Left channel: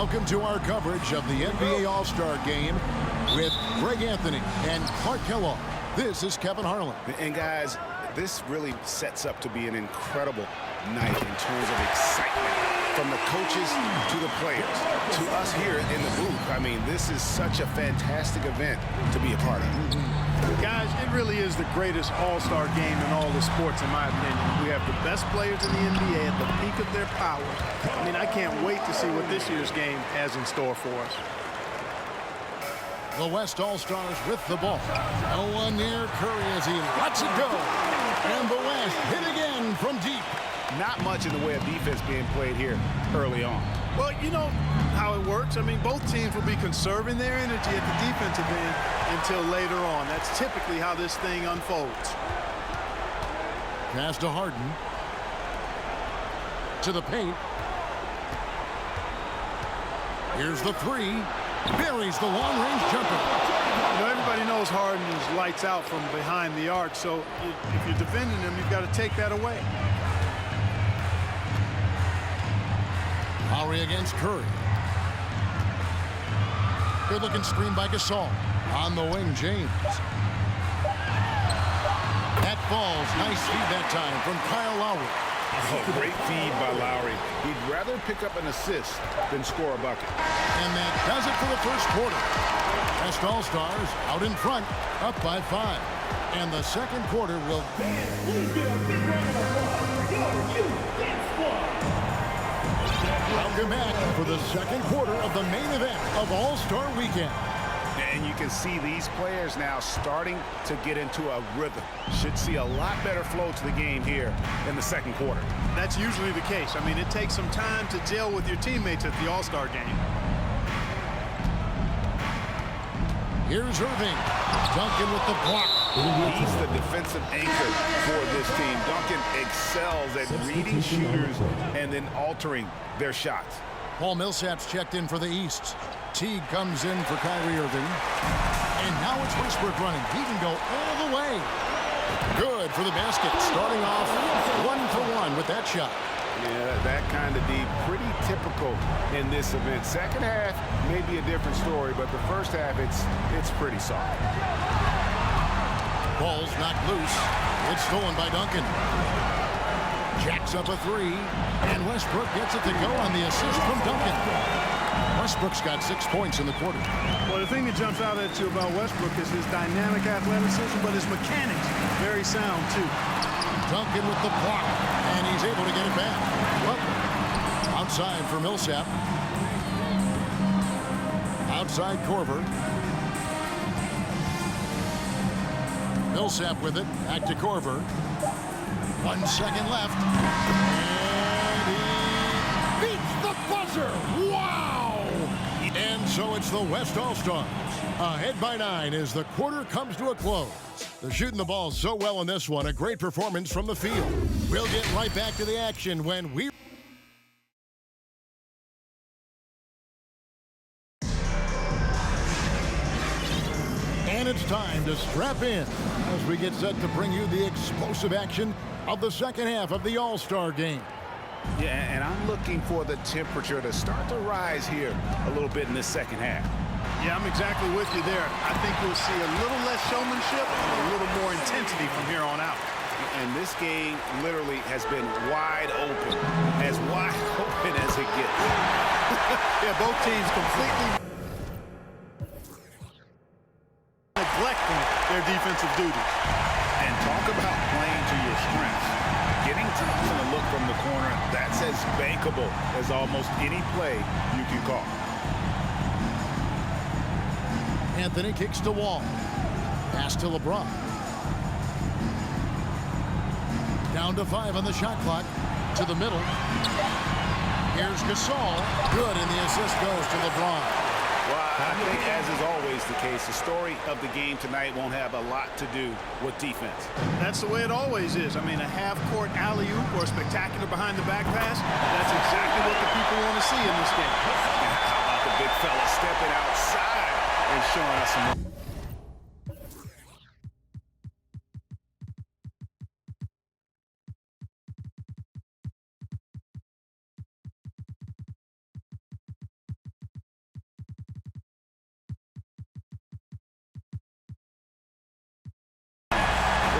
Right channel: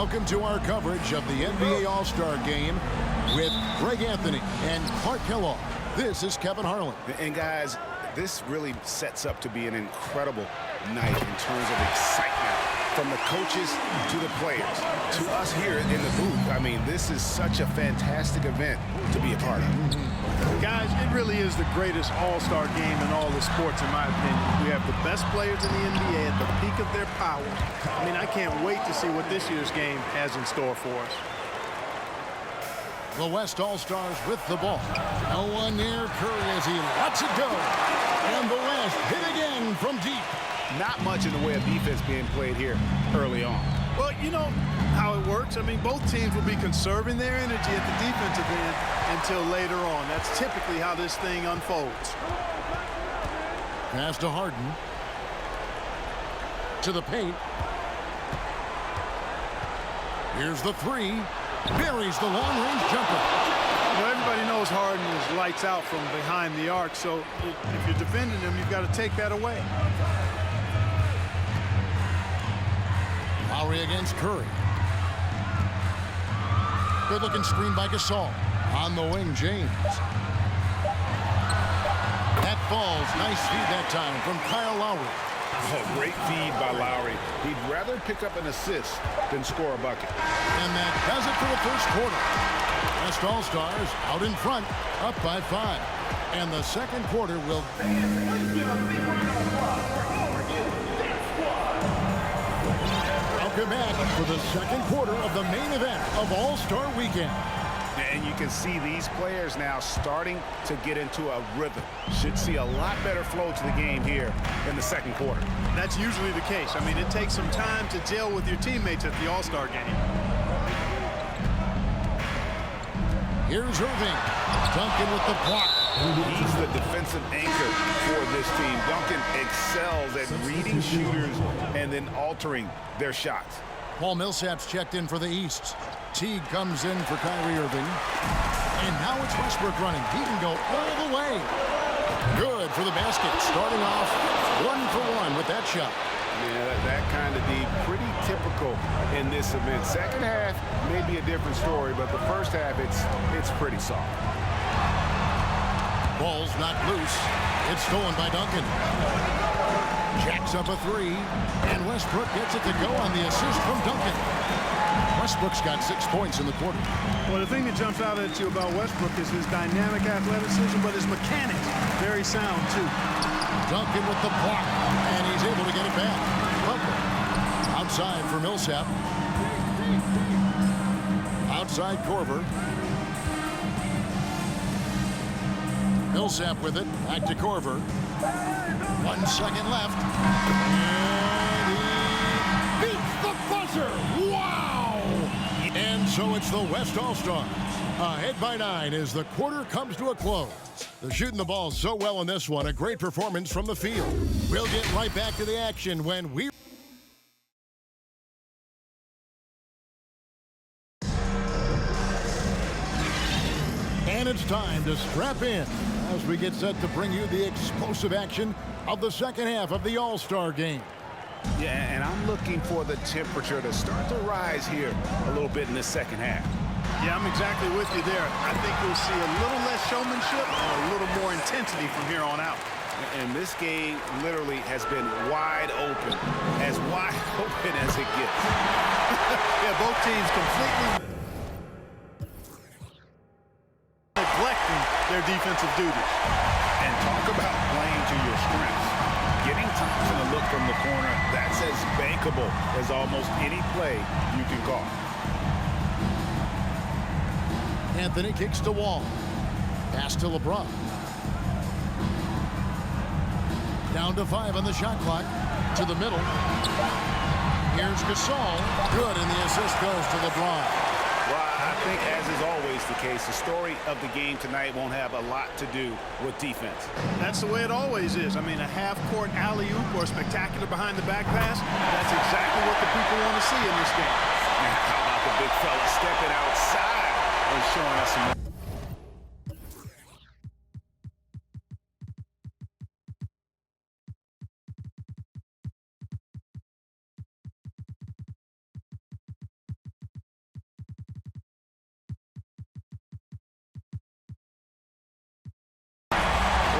Welcome to our coverage of the NBA All-Star Game with Greg Anthony and Clark Kellogg. This is Kevin Harlan. And guys, this really sets up to be an incredible night in terms of excitement from the coaches to the players to us here in the booth. I mean, this is such a fantastic event to be a part of. Guys, it really is the greatest all-star game in all the sports, in my opinion. We have the best players in the NBA at the peak of their powers. I mean, I can't wait to see what this year's game has in store for us. The West All-Stars with the ball. No one near Curry as he lets it go. And the West hit again from deep. Not much in the way of defense being played here early on. Well, you know how it works. I mean, both teams will be conserving their energy at the defensive end until later on. That's typically how this thing unfolds. Pass to Harden. To the paint. Here's the three. Buries the long-range jumper. You know, everybody knows Harden is lights out from behind the arc, so if you're defending him, you've got to take that away. Lowry against Curry. Good-looking screen by Gasol. On the wing, James. That falls. Nice feed that time from Kyle Lowry. Oh, great feed by Lowry. He'd rather pick up an assist than score a bucket. And that does it for the first quarter. West All-Stars out in front, up by 5. And the second quarter will... Welcome back for the second quarter of the main event of All-Star Weekend. And you can see these players now starting to get into a rhythm. Should see a lot better flow to the game here in the second quarter. That's usually the case. I mean, it takes some time to gel with your teammates at the All-Star game. Here's Irving. Duncan with the block. He's the defensive anchor for this team. Duncan excels at reading shooters and then altering their shots. Paul Millsap's checked in for the East. Teague comes in for Kyrie Irving. And now it's Westbrook running. He can go all the way. Good for the basket. Starting off 1-for-1 with that shot. Yeah, that kind of D, pretty typical in this event. Second half may be a different story, but the first half, it's pretty soft. Ball's knocked loose. It's stolen by Duncan. Jacks up a three, and Westbrook gets it to go on the assist from Duncan. Westbrook's got 6 points in the quarter. Well, the thing that jumps out at you about Westbrook is his dynamic athleticism, but his mechanics, very sound, too. Duncan with the block, and he's able to get it back. Butler outside for Millsap. Outside Korver. Millsap with it. Back to Korver. 1 second left. And he beats the buzzer. Wow! And so it's the West All-Stars. Ahead by 9 as the quarter comes to a close. They're shooting the ball so well in this one. A great performance from the field. We'll get right back to the action when we... And it's time to strap in as we get set to bring you the explosive action of the second half of the All-Star Game. Yeah, and I'm looking for the temperature to start to rise here a little bit in this second half. Yeah, I'm exactly with you there. I think we'll see a little less showmanship and a little more intensity from here on out. And this game literally has been wide open as it gets. Yeah, both teams completely neglecting their defensive duties. And talk about playing to your strengths. Getting Thompson a look from the corner, that's as bankable as almost any play you can call. Anthony kicks to Wall. Pass to LeBron. Down to 5 on the shot clock. To the middle. Here's Gasol. Good, and the assist goes to LeBron. Well, I think, as is always the case, the story of the game tonight won't have a lot to do with defense. That's the way it always is. I mean, a half-court alley-oop or a spectacular behind-the-back pass, that's exactly what the people want to see in this game. Now, how about the big fella stepping outside and showing us some more?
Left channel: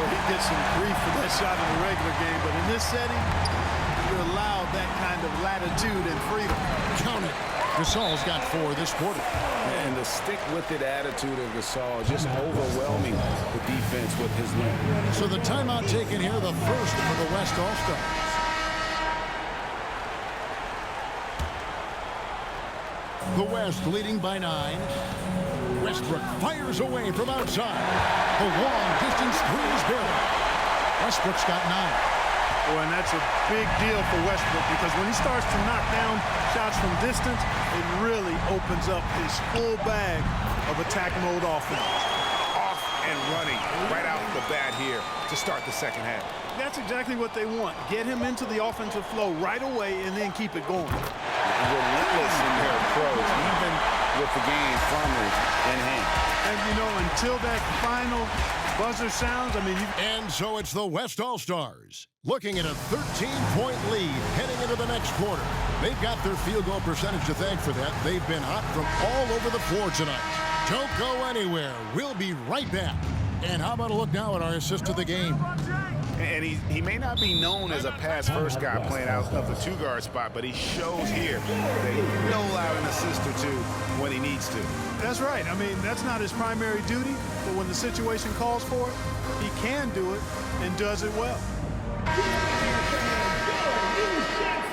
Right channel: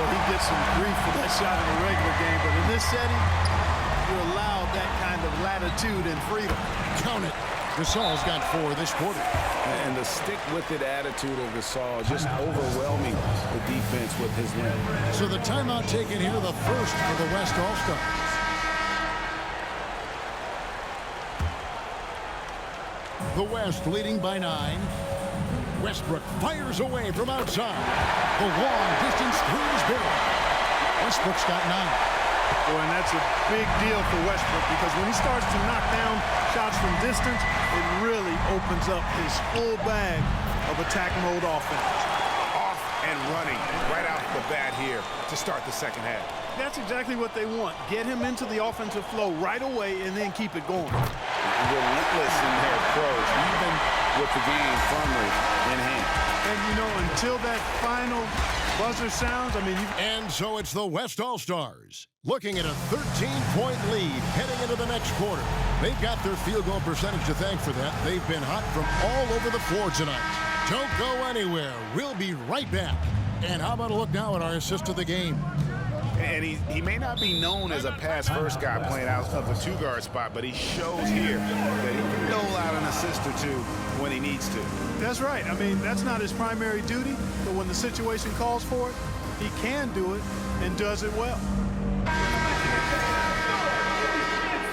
Well, he gets some grief for that shot in the regular game, but in this setting, you're allowed that kind of latitude and freedom. Count it. Gasol's got 4 this quarter. And the stick-with-it attitude of Gasol just overwhelming the defense with his length. So the timeout taken here, the first for the West All-Stars. The West leading by 9. Westbrook fires away from outside. The long-distance 3 is buried. Westbrook's got 9. Boy, and that's a big deal for Westbrook because when he starts to knock down shots from distance, it really opens up his full bag of attack mode offense. Off and running right out the bat here to start the second half. That's exactly what they want. Get him into the offensive flow right away and then keep it going. Relentless in their approach, even with the game firmly in hand. And, you know, until that final buzzer sounds, I mean, And so it's the West All-Stars looking at a 13-point lead heading into the next quarter. They've got their field goal percentage to thank for that. They've been hot from all over the floor tonight. Don't go anywhere. We'll be right back. And how about a look now at our assist of the game? And he may not be known as a pass-first guy playing out of the 2-guard spot, but he shows here that he can dole out an assist or 2 when he needs to. that's right. I mean, that's not his primary duty, but when the situation calls for it, he can do it and does it well.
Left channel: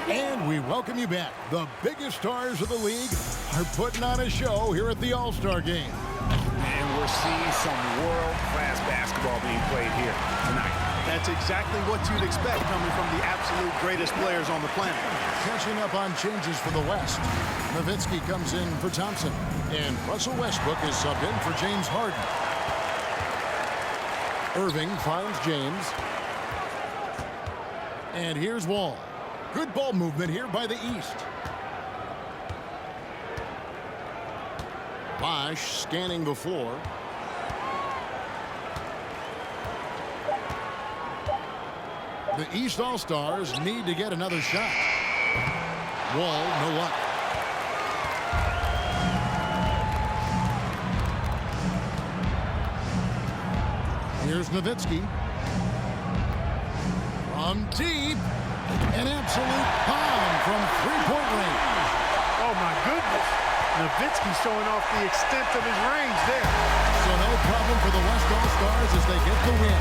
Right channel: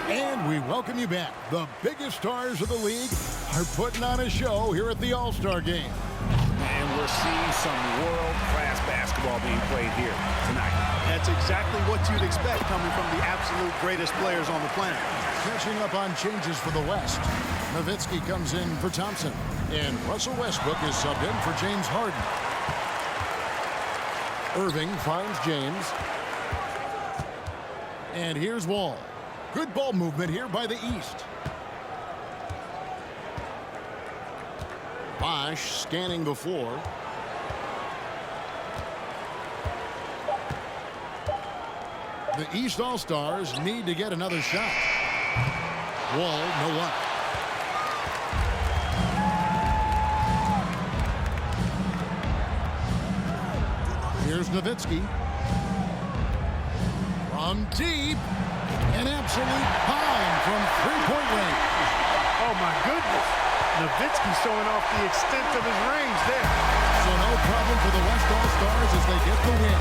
And we welcome you back. The biggest stars of the league are putting on a show here at the All-Star Game. And we're seeing some world-class basketball being played here tonight. That's exactly what you'd expect coming from the absolute greatest players on the planet. Catching up on changes for the West. Nowitzki comes in for Thompson. And Russell Westbrook is subbed in for James Harden. Irving finds James. And here's Wall. Good ball movement here by the East. Bosch scanning the floor. The East All-Stars need to get another shot. Wall, no luck. Here's Nowitzki. From deep. An absolute bomb from three-point range. Oh, my goodness. Nowitzki showing off the extent of his range there. So no problem for the West All-Stars as they get the win.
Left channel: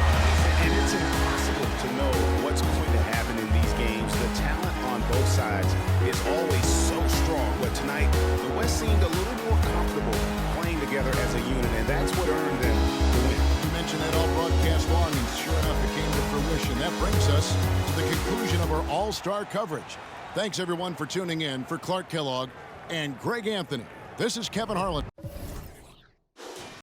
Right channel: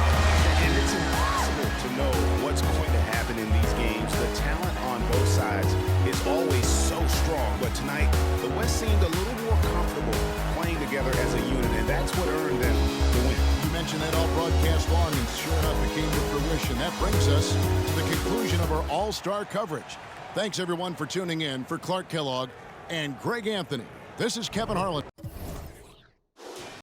And it's impossible to know what's going to happen in these games. The talent on both sides is always so strong. But tonight, the West seemed a little more comfortable playing together as a unit, and that's what earned them the win. You mentioned that all broadcast long, and sure enough, it came to fruition. That brings us to the conclusion of our All-Star coverage. Thanks, everyone, for tuning in. For Clark Kellogg and Greg Anthony, this is Kevin Harlan.